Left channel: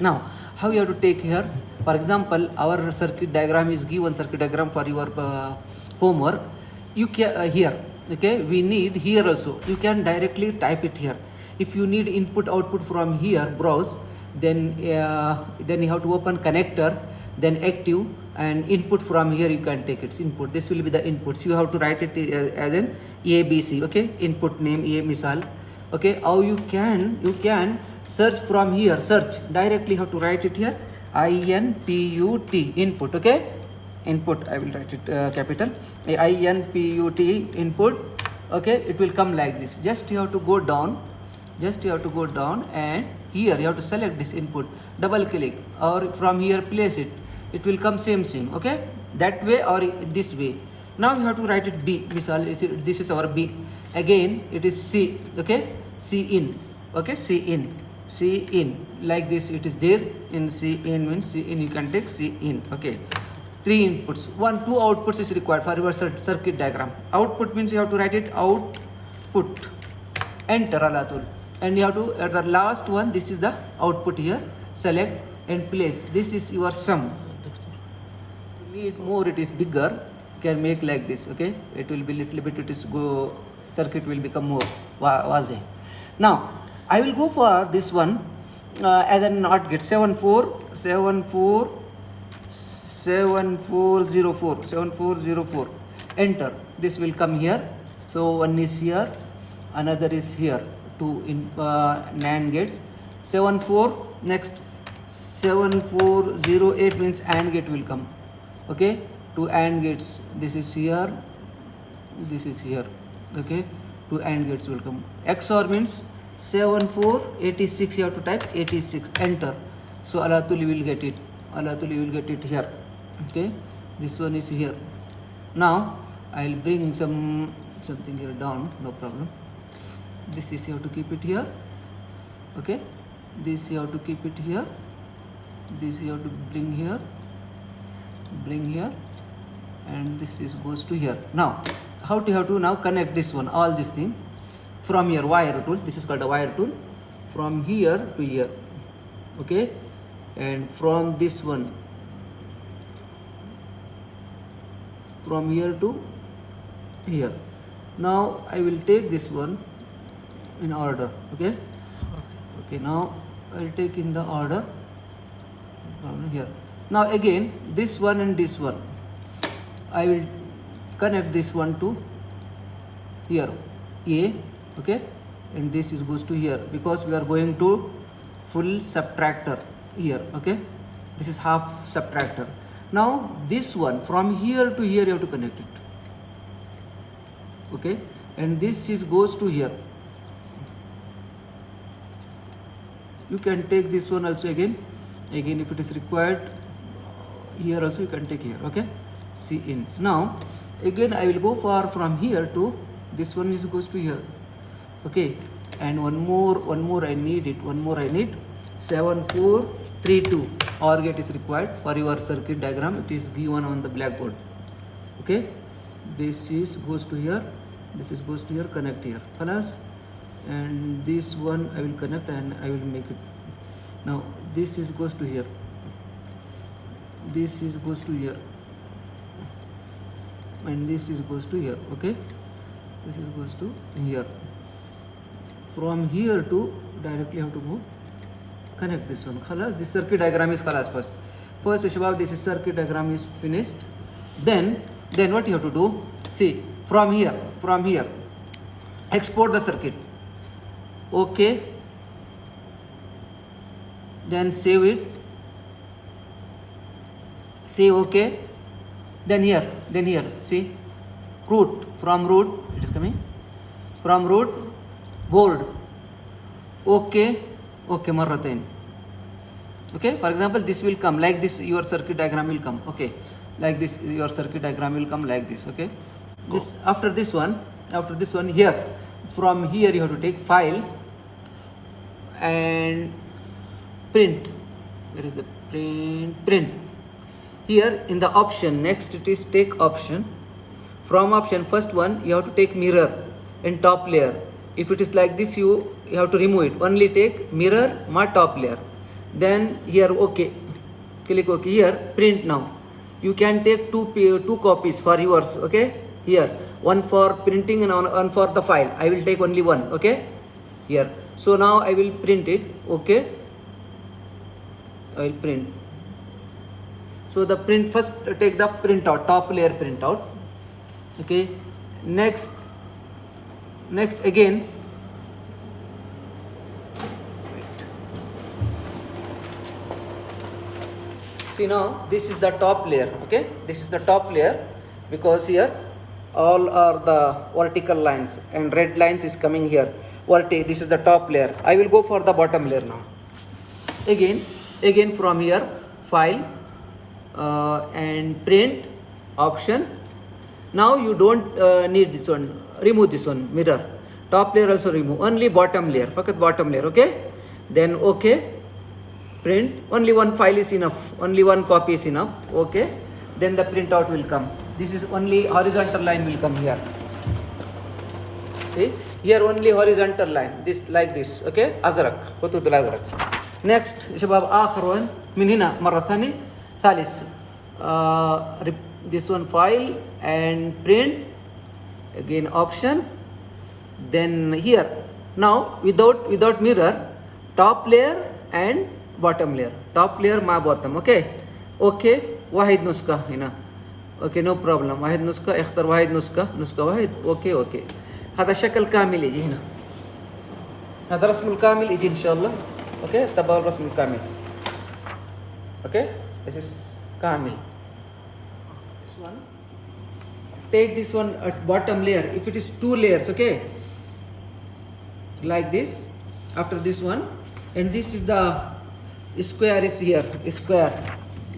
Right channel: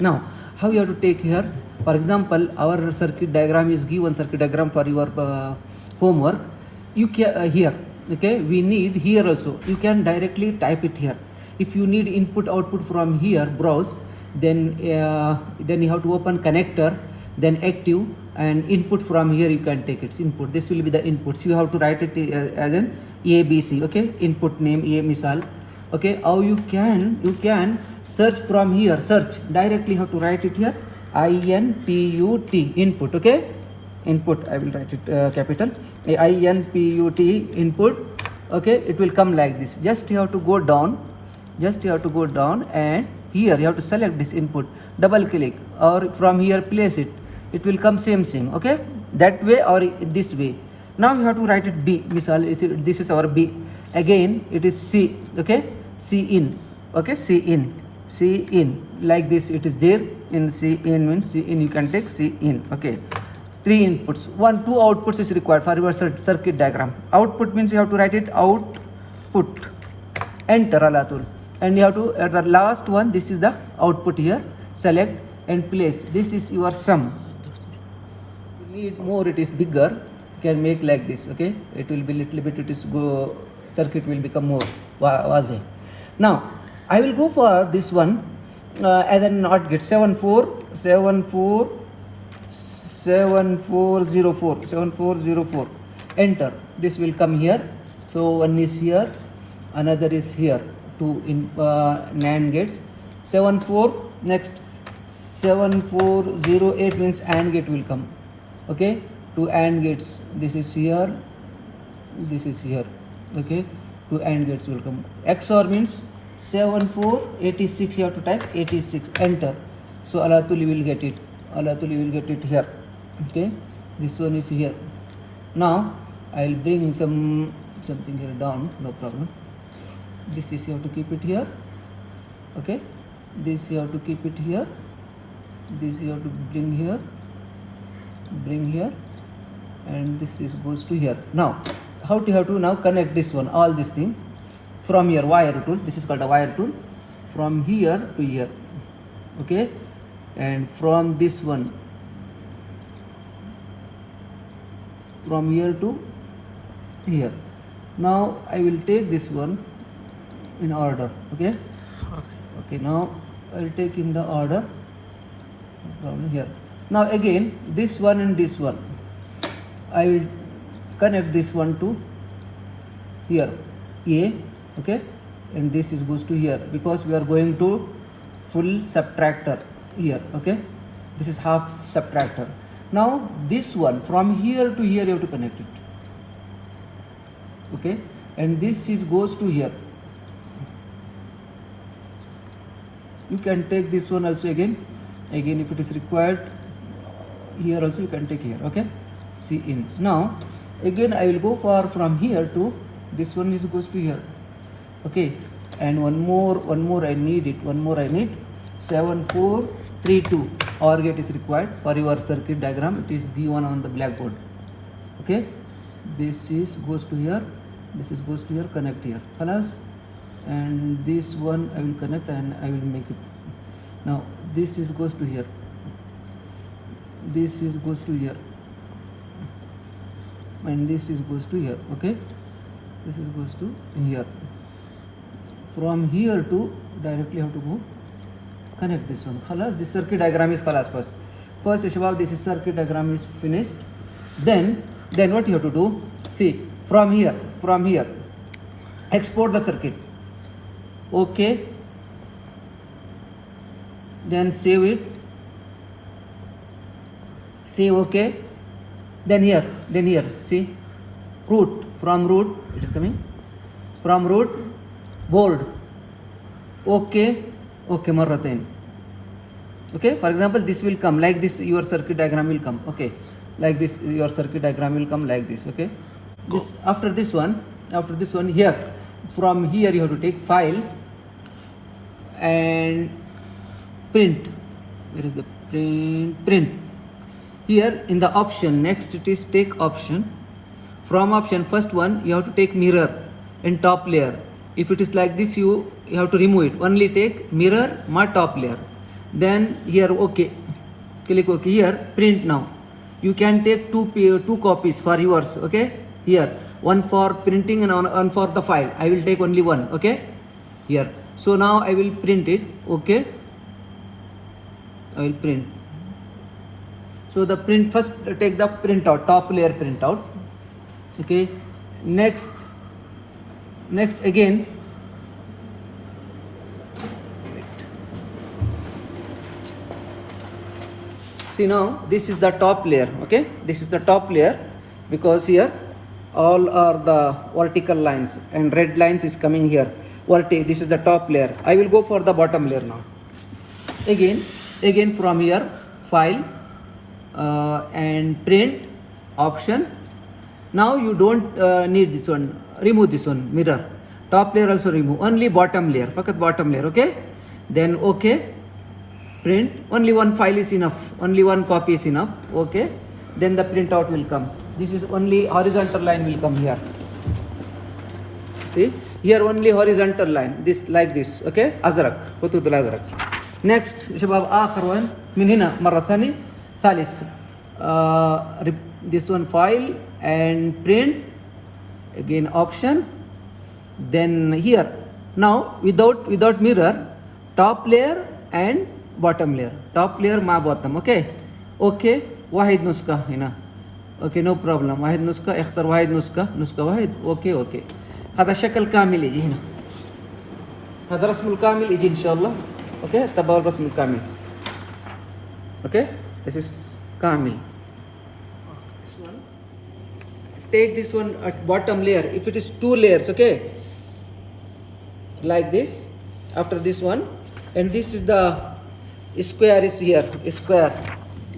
Now, how you have to take here? For example, our circuit diagram is given circuit diagram for your homework. You can here, okay. We need here also. You can directly type it here. If you need input output from here, browse. Then you have to open connector, then active, and input from here you can take its input. This will be the inputs. You have to write it as an ABC. Okay, input name A misal. Okay, how you can search from here, search directly. Have to write it here, input input. Okay, input, I will write it capital input input. Okay, it will come like this. Just you have to go down, and here you have to select this input, double click, or from here place it. It will come same. Okay, that way or this way. Now you have to write it B misal. This is our B. Again it is C. Okay, C in. Okay, C in like this. It is there in C in, means C in. You can take C in. Okay, 3 inputs, 2 outputs is required for your circuit diagram. Output means you have to write it output, enter alatul, and you have to at the last one, this is the output here, select and place. This is your sum. Need more, it is bigger, can make like this. Okay, it will be little bit, it is go, circuit will become more wazi. Now I will go for this one as a NOT gate, 7404, enter. This will come here. So one is here, another is here, 2 in NAND gates. 74, next 7408 means AND gate will come. Okay, 2 AND gates. This is here, this is here. Okay, 2 AND gates will come. XOR means 7486, you have to type 86, enter. So alatul you will get it, here. Okay, this one is here. Now I will bring something here down, no problem. This is, you have to keep it here. Okay, this you have to keep it here, this you have to bring here, and this is goes to here. Now how to have to now connect this one, all this thing from here, wire tool. This is called a wire tool, from here to here. Okay, and from this one, from here to here. Now I will take this one in order. Okay, now I will take in the order from here. Now again this one and this one, I will connect this one to here, A. Okay, and this is goes to here, because we are going to full subtractor here. Okay, this is half subtractor. Now this one, from here to here you have to connect it. Okay, and this is goes to here. You can take this one also again if it is required. Here also you can take here. Okay, C in. Now again I will go for from here to this one is goes to here. Okay, and one more I need it, 7432 OR gate is required for your circuit diagram. It is given on the blackboard. Okay, this is goes to here, this is goes to here, connect here, plus, and this one I will connect and I will make it. Now this is goes to here, this is goes to here, and this is goes to here. Okay, this is goes to here. From here to directly have to go connect this one. Khalas, this circuit diagram is khalas first. Shabab, this is circuit diagram is finished. Then what you have to do? See, from here, export the circuit. Okay. Then save it. Save okay. Then here, see, root, from root, it is coming. From root, board. Okay, marratain. Okay, for example, this will come like this, your circuit diagram will come. Okay, like this, your circuit diagram will come like this. Okay, this after this one here, from here you have to take file and print. Where is the print? Here in the option, next it is take option. From option, first one you have to take mirror in top layer. If it is like this, you have to remove it. Only take mirror, my top layer. then here okay, click OK. Here print. Now you can take two copies for yours. Okay, here one for printing and one for the file. I will take only one. Okay, here. So now I will print it. Okay, I will print. So the print, first take the printout, top layer printout. Okay, next again, wait. See, now this is the top layer. Okay, this is the top layer, because here all are the vertical lines and red lines is coming here. This is the top layer. I will go for the bottom layer now. Again from here, file and print option. Now you don't need this one. Remove this one, mirror. Top layer also remove. Only bottom layer. Fakat bottom layer. Okay. Then okay. Print. Only one file is enough. Only one copy is enough. Okay. Then the printout will come. This is only horizontal line will come here. See, here only horizontal line. This like this. Okay. Azrak. Khutudul azrak. Next, شباب آخر one من هنا مرة ثانية ثالث. This one file and print. Again option. Then here. Now without mirror, top layer and bottom layer. Top layer ma bottom. Okay. Okay. واحد نسخة هنا. Okay, no problem. واحد نسخة. اختر واحد نسخة واحد. Okay. هذا الشكل كامل يجي هنا. هذا رسم الكامل يجي إن شاء الله. Okay, تبع الرسم الكامل. Okay, this is كامل. This one. Take this one at bottom layer. If it is two layers, okay, like this. After this one, and this is the square is here. Square.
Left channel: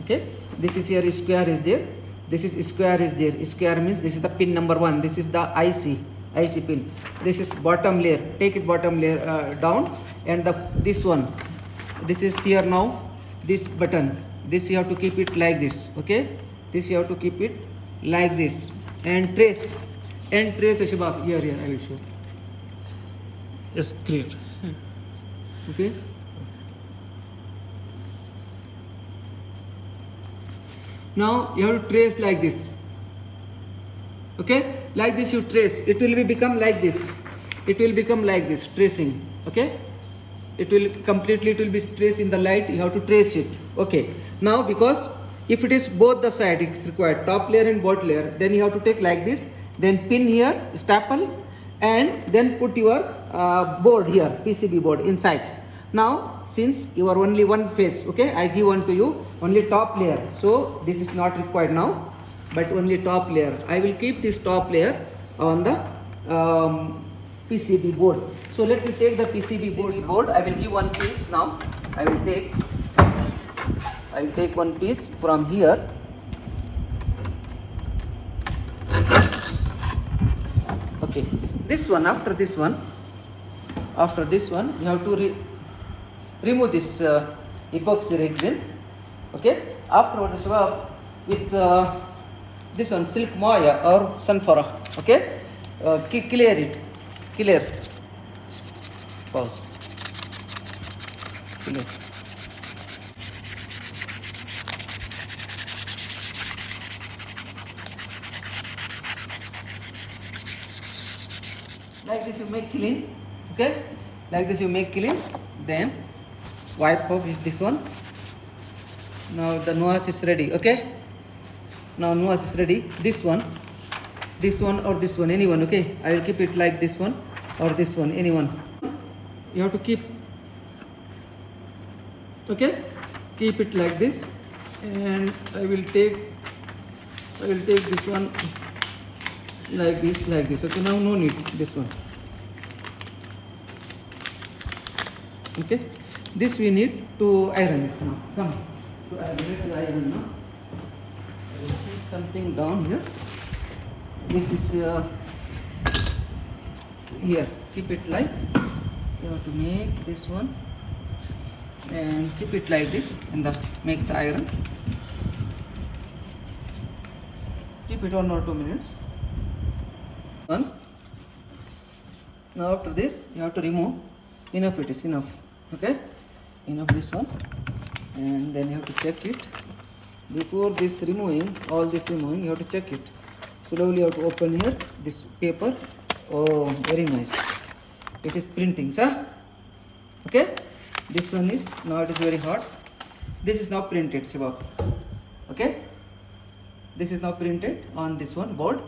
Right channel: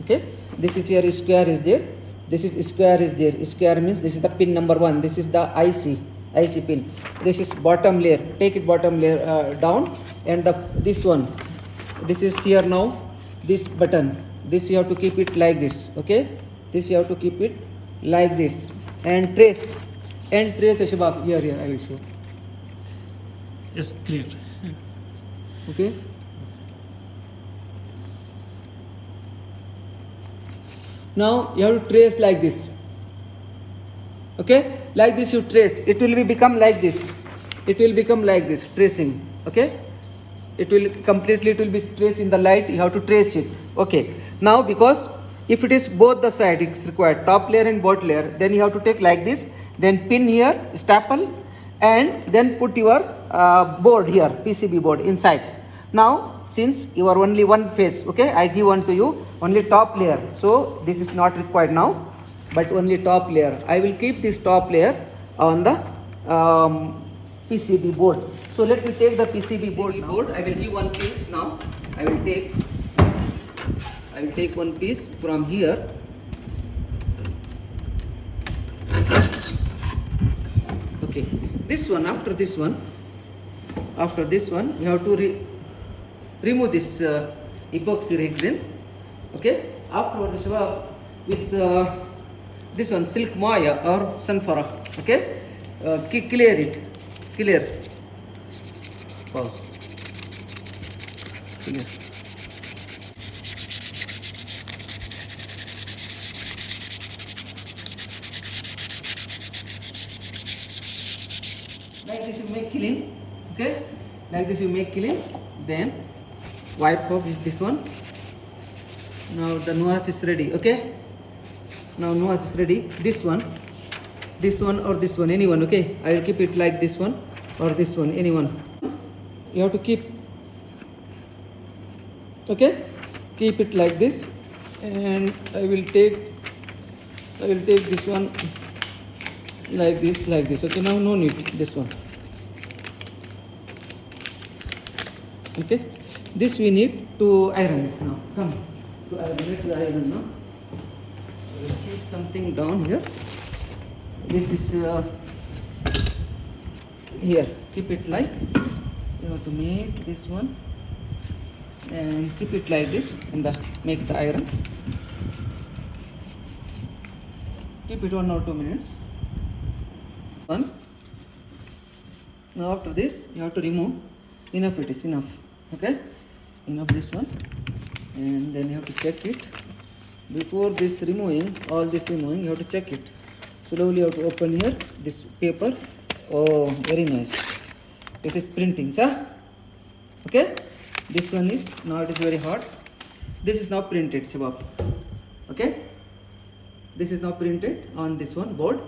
Okay, this is here. Square is there. This is square is there. Square means this is the pin number 1. This is the IC pin. This is bottom layer. Take it bottom layer down, and this one, this is here now. This button, this you have to keep it like this. Okay, this you have to keep it like this, and trace Shabab. Here I will show. Yes, clear. Okay. Now you have to trace like this. Okay, like this you trace. It will become like this. It will become like this, tracing. Okay, it will be traced in the light. You have to trace it. Okay. Now because if it is both the side, it's required top layer and bottom layer. Then you have to take like this. Then pin here, staple, and then put your board here, PCB board inside. Now since you are only one face, okay, I give one to you, only top layer. So this is not required now, but only top layer. I will keep this top layer on the PCB board. So let me take the PCB board. I will give one piece now. I will take one piece from here. Okay, this one. After this one, you have to remove this epoxy resin. Okay. Afterwards, with this one, silk maya or sunflower. Okay. Clear it. Pause. Clear. Like this you make clean. Okay. Like this you make clean. Then wipe off this one. Now the nuance is ready. Okay. Now nuance is ready. This one or this one, anyone. Okay. I will keep it like this one or this one, anyone. You have to keep. Okay. Keep it like this, and I will take this one like this. Okay. Now no need this one. Okay. This we need to iron it now. Come to iron now. I will keep something down here. This is here. Keep it like. You have to make this one and keep it like this, and make the iron. Keep it 1 or 2 minutes. One. Now after this, you have to remove. Enough. It is enough. Okay. Enough this one. and then you have to check it. Before this removing, all this removing, you have to check it. Slowly you have to open here this paper. Oh, very nice. It is printing, sir. Okay. This one is, now it is very hot. This is now printed, Shiva. Okay. This is now printed on this one board.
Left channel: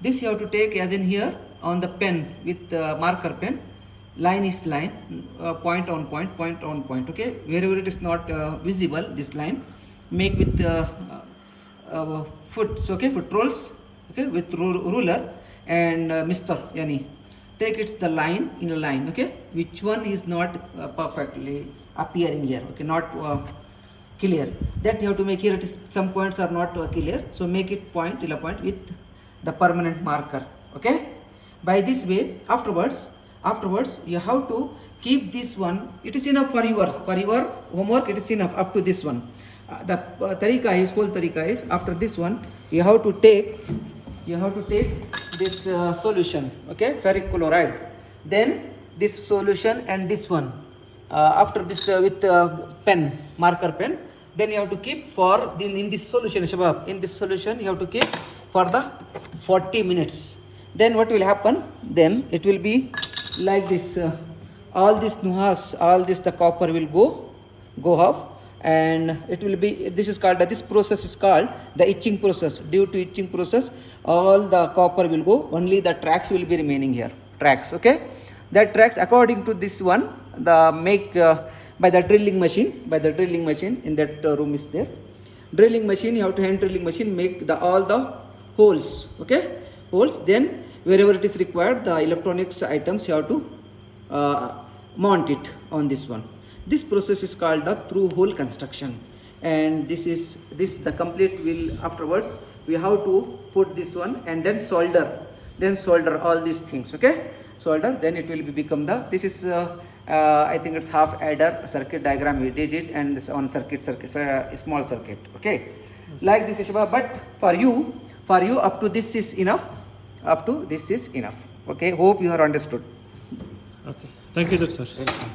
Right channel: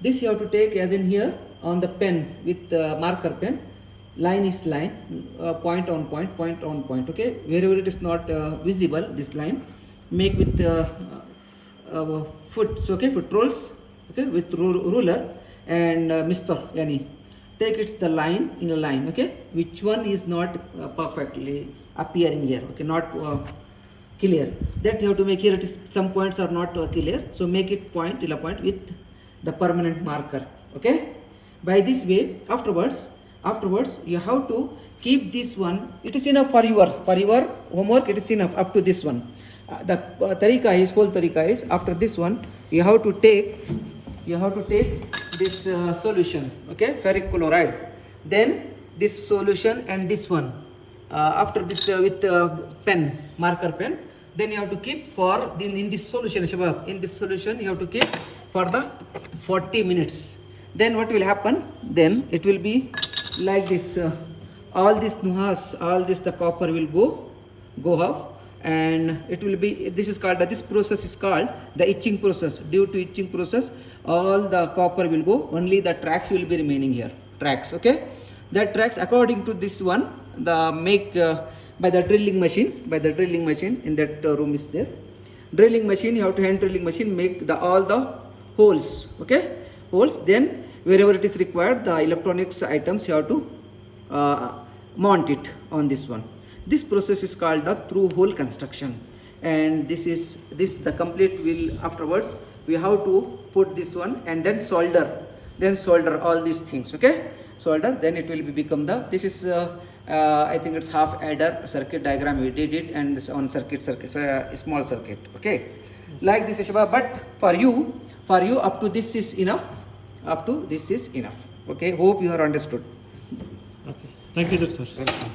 This you have to take as in here on the pen with marker pen. Line is line, point on point, point on point. Okay, wherever it is not visible, this line make with foot. Okay, foot rolls. Okay, with ruler and mister yani. Take it's the line in a line. Okay, which one is not perfectly appearing here. Okay, not clear. That you have to make here. It is some points are not clear. So make it point till a point with the permanent marker. Okay, by this way afterwards you have to keep this one. It is enough for your homework. It is enough up to this one. The whole tarika is after this one you have to take this solution. Okay, ferric chloride, then this solution and this one after this with pen, marker pen, then you have to keep for in this solution, Shabab, in this solution you have to keep for the 40 minutes. Then what will happen, then it will be like this, all this nuhas, all this the copper will go off, and it will be, this is called, this process is called the etching process. Due to etching process all the copper will go, only the tracks will be remaining here, tracks. Okay, that tracks according to this one, the make by the drilling machine, in that room is there, drilling machine, you have to hand drilling machine make the all the holes. Okay, holes, then wherever it is required the electronics items you have to mount it on this one. This process is called the through hole construction, and this the complete will afterwards we have to put this one and then solder all these things. Okay, solder, then it will become the, this is I think it's half adder circuit diagram we did it, and this on circuit small circuit. Okay, like this is, but for you up to this is enough. Okay, hope you are understood. Okay. Thank you, sir. Welcome.